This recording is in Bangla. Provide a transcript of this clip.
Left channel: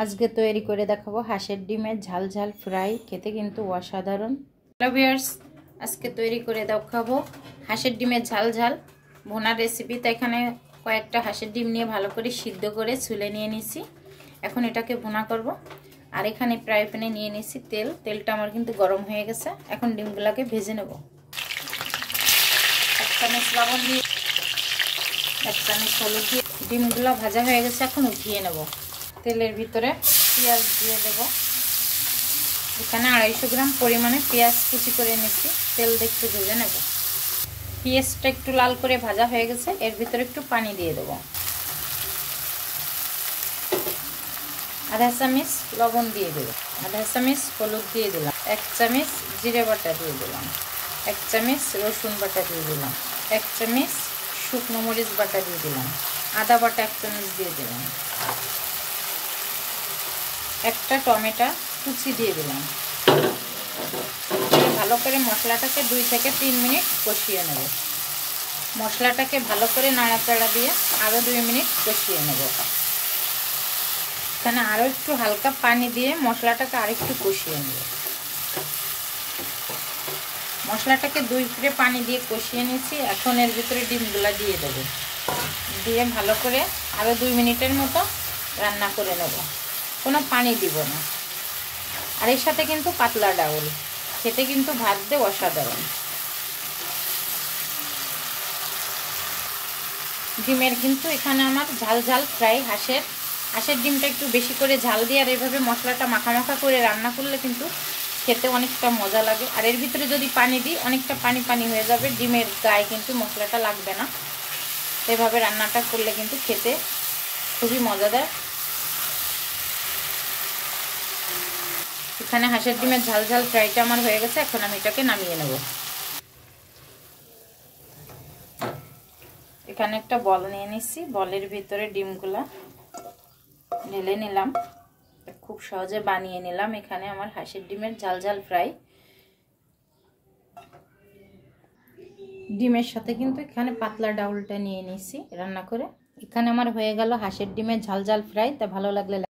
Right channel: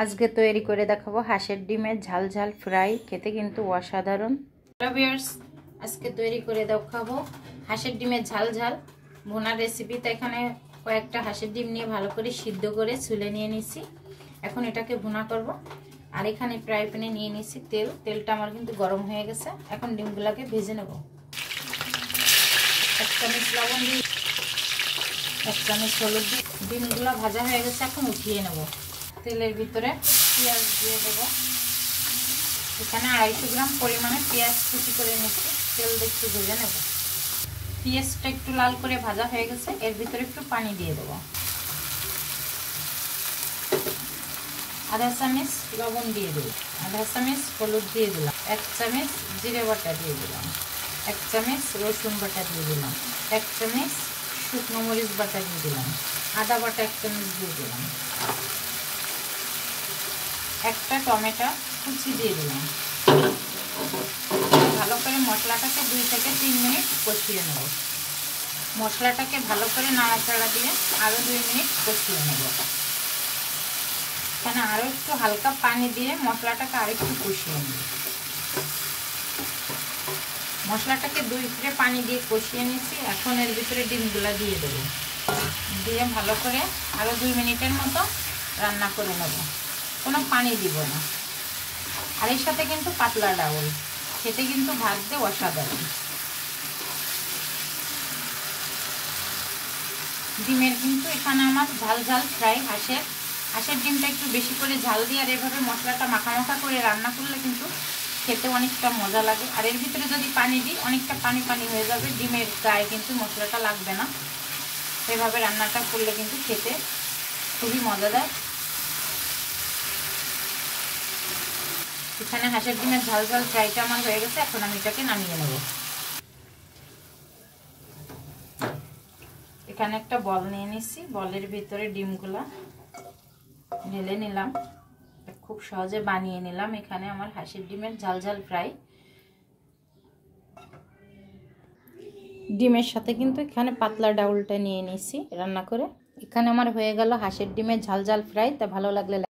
আজকে তৈরি করে দেখাবো হাঁসের ডিমের ঝাল ঝাল ফ্রাই, খেতে কিন্তু অসাধারণ। হ্যালো ভিউয়ার্স, আজকে তৈরি করে দেখাবো হাঁসের ডিমের ঝাল ঝাল ভুনার রেসিপি। তো এখানে কয়েকটা হাঁসের ডিম নিয়ে ভালো করে সিদ্ধ করে ছুলে নিয়ে নিছি। এখন এটাকে ভুনা করব। আর এখানে ফ্রাই প্যানে নিয়ে নিছি তেলটা আমার কিন্তু গরম হয়ে গেছে। এখন ডিমগুলোকে ভেজে নেব। এক চামচ লবণ দিয়ে, এক চামচ হলুদ দিয়ে ডিমগুলো ভাজা হয়ে গেছে। এখন উঠিয়ে নেব। তেলের ভিতরে পেঁয়াজ দিয়ে দেব। এখানে 250 গ্রাম পরিমাণে পেঁয়াজ কুচি করে নিচ্ছি। তেল দিয়ে একটু ভেজে নেব। পেঁয়াজটা একটু লাল করে ভাজা হয়ে গেছে। এর ভিতরে একটু পানি দিয়ে দেব। আধা চামচ লবণ দিয়ে দেব, আধা চামচ হলুদ দিয়ে দিলাম, 1 চামচ জিরে বাটা দিয়ে দিলাম, 1 চামচ রসুন বাটা দিয়ে দিলাম, 1 চামচ শুকনো মরিচ বাটা দিয়ে দিলাম, আদা বাটা 1 চামচ দিয়ে দিলাম, একটা টমেটো কুচি দিয়ে দিলাম। ভালো করে মশলাটাকে 2 থেকে 3 মিনিট কষিয়ে নেব। মশলাটাকে ভালো করে নাড়াচাড়া দিয়ে আরও 2 মিনিট কষিয়ে নেব। এখানে আরও একটু হালকা পানি দিয়ে মশলাটাকে আরেকটু কষিয়ে নেব। মশলাটাকে 2 ফিরে পানি দিয়ে কষিয়ে নিয়েছি। এখন এর ভিতরে ডিমগুলো দিয়ে দেব। দিয়ে ভালো করে আরও 2 মিনিটের মতো রান্না করে নেব। কোনো পানি দিব না। আর এর সাথে কিন্তু পাতলা ডাউল, খেতে কিন্তু ভাজতে অসাধারণ। ডিমের কিন্তু এখানে আমার ঝাল ঝাল ফ্রাই হাঁসের ডিমটা একটু বেশি করে ঝাল দিয়ে আর এভাবে মশলাটা মাখা মাখা করে রান্না করলে কিন্তু খেতে অনেকটা মজা লাগে। আর এর ভিতরে যদি পানি দিই অনেকটা পানি পানি হয়ে যাবে, ডিমের গায়ে কিন্তু মশলাটা লাগবে না। এভাবে রান্নাটা করলে কিন্তু খেতে খুবই মজাদার। এখানে হাঁসের ডিমের ঝাল ঝাল ফ্রাইটা আমার হয়ে গেছে। এখন আমি এটাকে নামিয়ে নেব। এখানে একটা বল নিয়ে নিচ্ছি। বলের ভিতরে ডিমগুলা ঢেলে নিলাম। খুব সহজে বানিয়ে নিলাম এখানে আমার হাঁসের ডিমের ঝাল ঝাল ফ্রাই। ডিমের সাথে কিন্তু এখানে পাতলা ডাউলটা নিয়ে নিছি রান্না করে। এখানে আমার হয়ে গেল হাঁসের ডিমের ঝাল ঝাল ফ্রাই। তা ভালো লাগলে